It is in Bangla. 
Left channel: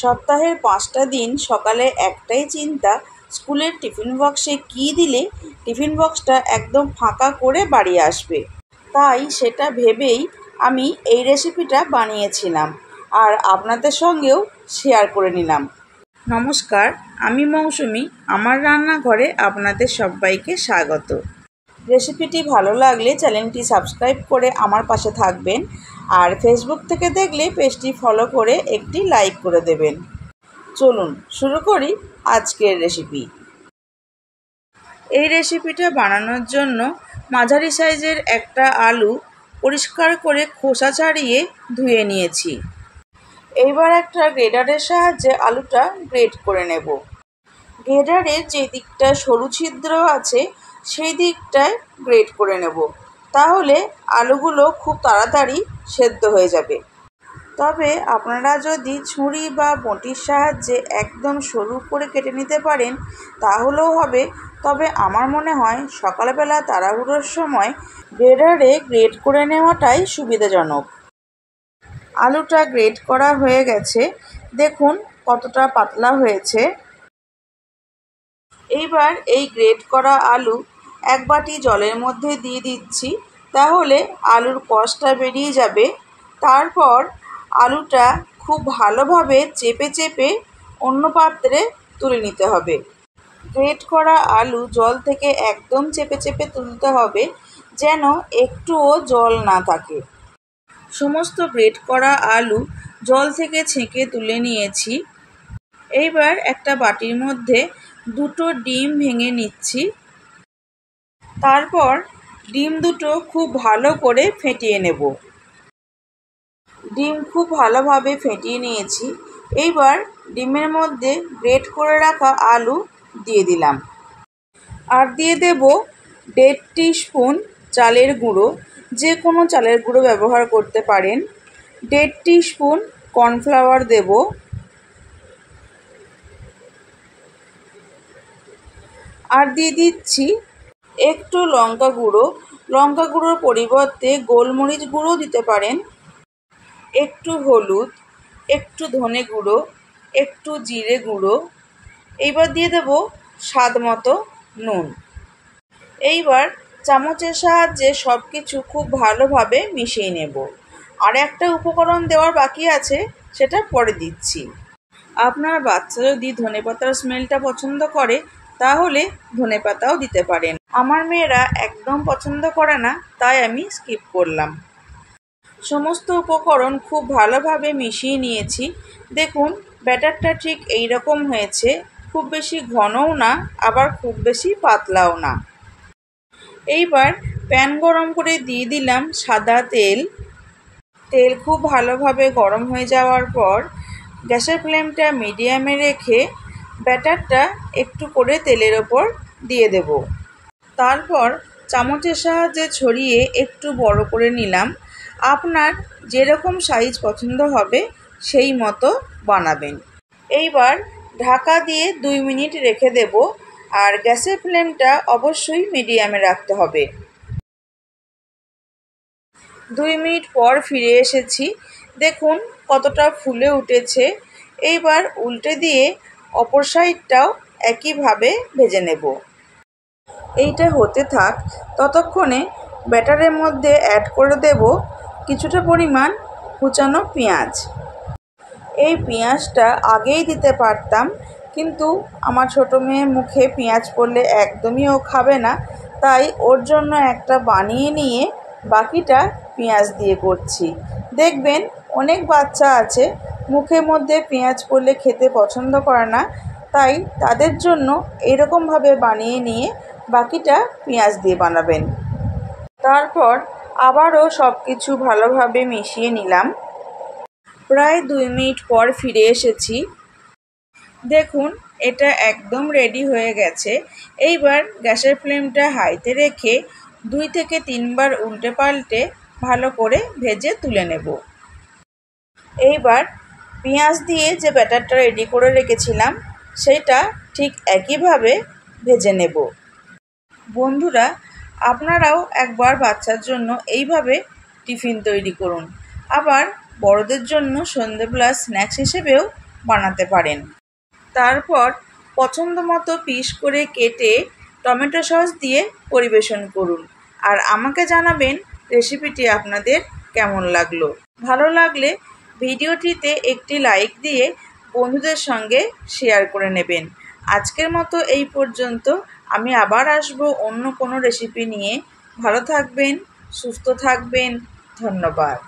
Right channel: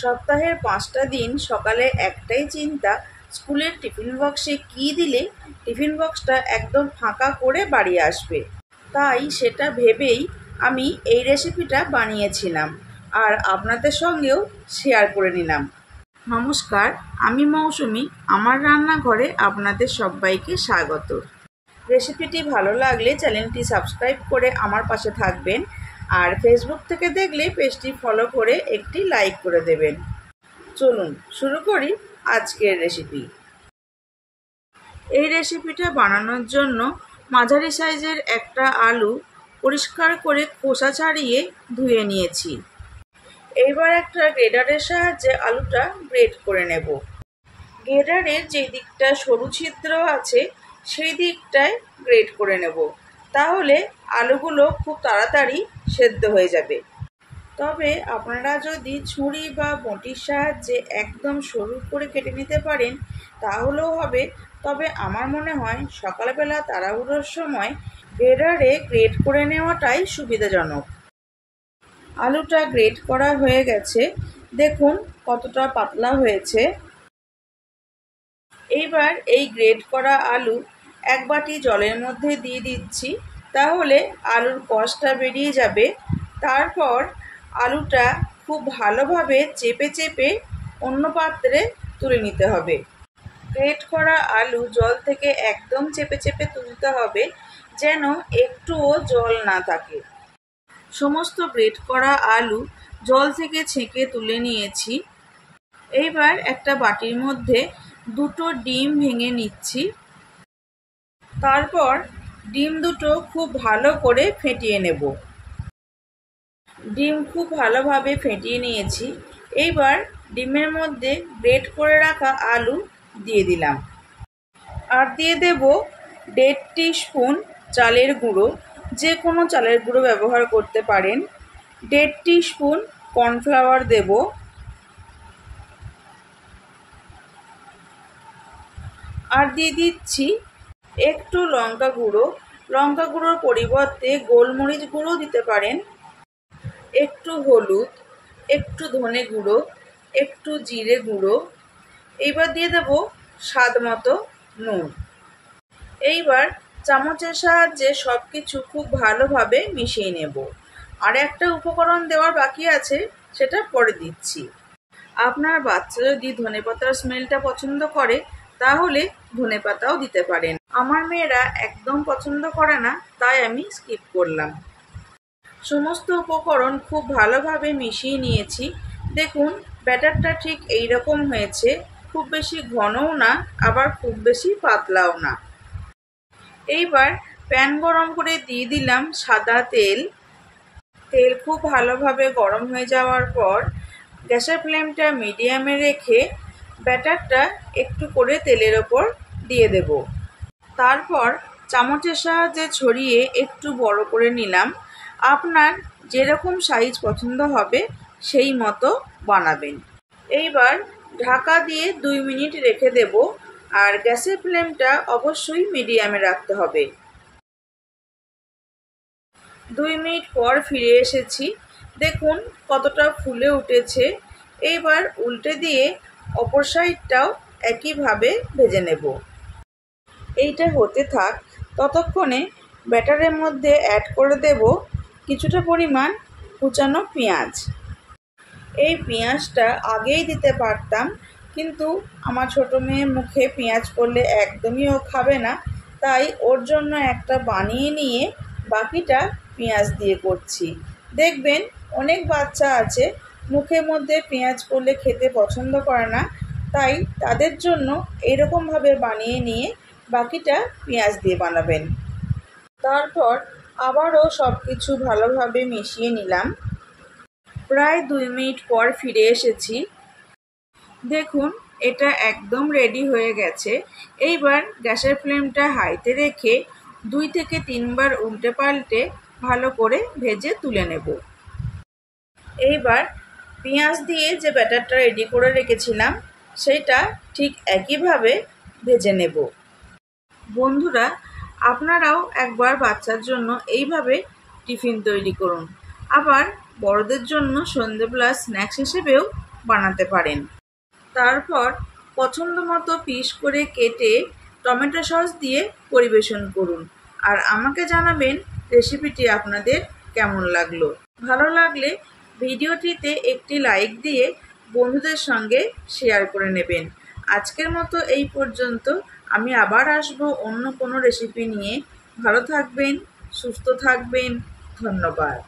সপ্তাহের 5টা দিন সকালে একটাই চিন্তা, স্কুলের টিফিন বক্সে কী দিলে টিফিন বক্সটা একদম ফাঁকা করে বাড়ি আসবে। তাই সেটা ভেবেই আমি এই রেসিপিটা বানিয়েছিলাম আর আপনাদের সঙ্গেও শেয়ার করে নিলাম। নমস্কার, আমি মৌসুমি। আমার রান্নাঘরে আপনাদের সবাইকে স্বাগত। রেসিপিটি ভালো লাগলে চ্যানেলটি সাবস্ক্রাইব করে আমার পাশে থাকবেন, আর ফেসবুক থেকে দেখলে পেজটি ফলো করে একটি লাইক করে দেবেন। চলুন শুরু করি আজকের রেসিপি। এই রেসিপিটা বানানোর জন্য মাঝারি সাইজের একটা আলু পরিষ্কার করে খোসা ছাড়িয়ে ধুয়ে নিয়েছি। এইবার একটা গ্রেটারের সাহায্যে আলুটা গ্রেট করে নেব। গ্রেটারের যে দিকটা সরু ছিদ্র আছে সেই দিকটায় গ্রেট করে নেব, তাহলে আলুগুলো খুব তাড়াতাড়ি সেদ্ধ হয়ে যাবে। তবে আপনারা যদি ছুরি বা বঁটির সাহায্যে একদম সরু করে কেটে নিতে পারেন তাহলেও হবে, তবে আমার মনে হয় সকালবেলা তাড়াহুড়োর সময় গ্রেটারে গ্রেট করে নেওয়াটাই সুবিধাজনক। আলুটা গ্রেট করা হয়ে গেছে, দেখুন কতটা পাতলা হয়েছে। এইবার এই গ্রেট করা আলু এক বাটি জলের মধ্যে দিয়ে দিচ্ছি, তাহলে আলুর কষটা বেরিয়ে যাবে। তারপর আলুটা খুব ভালোভাবে চেপে চেপে অন্য পাত্রে তুলে নিতে হবে। গ্রেট করা আলু জল থেকে একদম চেপে চেপে তুলতে হবে, যেন একটুও জল না থাকে। সমস্ত গ্রেট করা আলু জল থেকে ছেঁকে তুলে নিয়েছি। এইবার একটা বাটির মধ্যে 2টো ডিম ভেঙে নিচ্ছি। তারপর ডিম দুটো খুব ভালো করে ফেটিয়ে নেব। ডিম খুব ভালোভাবে ফেটিয়ে নিয়েছি। এইবার ডিমের মধ্যে গ্রেট করে রাখা আলু দিয়ে দিলাম, আর দিয়ে দেব 1.5 টিস্পুন চালের গুঁড়ো। যে কোনো চালের গুঁড়ো ব্যবহার করতে পারেন। 1.5 টিস্পুন কর্নফ্লাওয়ার দেব, আর দিয়ে দিচ্ছি একটু লঙ্কা গুঁড়ো। লঙ্কা গুঁড়োর পরিবর্তে গোলমরিচ গুঁড়ো দিতে পারেন। একটু হলুদ, একটু ধনে গুঁড়ো, একটু জিরে গুঁড়ো। এইবার দিয়ে দেব স্বাদ মতো নুন। এইবার চামচের সাহায্যে সব কিছু খুব ভালোভাবে মিশিয়ে নেব। আর একটা উপকরণ দেওয়ার বাকি আছে, সেটা পরে দিচ্ছি। আপনার বাচ্চা যদি ধনেপাতার স্মেলটা পছন্দ করে তাহলে ধনেপাতাও দিতে পারেন। আমার মেয়েরা একদম পছন্দ করে না, তাই আমি স্কিপ করলাম। সমস্ত উপকরণ খুব ভালোভাবে মিশিয়ে নিয়েছি। দেখুন ব্যাটারটা ঠিক এই রকম হয়েছে, খুব বেশি ঘনও না আবার খুব বেশি পাতলাও না। এইবার প্যান গরম করে দিয়ে দিলাম সাদা তেল। তেল খুব ভালোভাবে গরম হয়ে যাওয়ার পর গ্যাসের ফ্লেমটা মিডিয়ামে রেখে ব্যাটারটা একটু করে তেলের ওপর দিয়ে দেব। তারপর চামচের সাহায্যে ছড়িয়ে একটু বড় করে নিলাম। আপনার যেরকম সাইজ পছন্দ হবে সেই মতো বানাবেন। এইবার ঢাকা দিয়ে 2 মিনিট রেখে দেব, আর গ্যাসের ফ্লেমটা অবশ্যই মিডিয়ামে রাখতে হবে। 2 মিনিট পর ফিরে এসেছি। দেখুন কতটা ফুলে উঠেছে। এইবার উল্টে দিয়ে অপর সাইডটাও একইভাবে ভেজে নেব। এইটা হতে থাক, ততক্ষণে ব্যাটারের মধ্যে অ্যাড করে দেব কিছুটা পরিমাণ কুচানো পেঁয়াজ। এই পেঁয়াজটা আগেই দিতে পারতাম, কিন্তু আমার ছোটো মেয়ের মুখে পেঁয়াজ পড়লে একদমই ও খাবে না, তাই ওর জন্য একটা বানিয়ে নিয়ে বাকিটা পেঁয়াজ দিয়ে করছি। দেখবেন অনেক বাচ্চা আছে মুখের মধ্যে পেঁয়াজ পড়লে খেতে পছন্দ করে না, তাই তাদের জন্য এরকমভাবে বানিয়ে নিয়ে বাকিটা পেঁয়াজ দিয়ে বানাবেন। তারপর আবারও সব কিছু ভালোভাবে মিশিয়ে নিলাম। প্রায় 2 মিনিট পর ফিরে এসেছি। দেখুন এটা একদম রেডি হয়ে গেছে। এইবার গ্যাসের ফ্লেমটা হাইতে রেখে 2 থেকে 3 বার উল্টে পাল্টে ভালো করে ভেজে তুলে নেব। এইবার পেঁয়াজ দিয়ে যে ব্যাটারটা রেডি করে রেখেছিলাম সেটা ঠিক একইভাবে ভেজে নেব। বন্ধুরা, আপনারাও একবার বাচ্চার জন্য এইভাবে টিফিন তৈরি করুন। আবার বড়দের জন্য সন্ধ্যেবেলা স্ন্যাক্স হিসেবেও বানাতে পারেন। তারপর পছন্দ মতো পিস করে কেটে টমেটো সস দিয়ে পরিবেশন করুন। আর আমাকে জানাবেন রেসিপিটি আপনাদের কেমন লাগলো। ভালো লাগলে ভিডিওটিতে একটি লাইক দিয়ে বন্ধুদের সঙ্গে শেয়ার করে নেবেন। আজকের মতো এই পর্যন্ত। আমি আবার আসবো অন্য কোনো রেসিপি নিয়ে। ভালো থাকবেন, সুস্থ থাকবেন। ধন্যবাদ।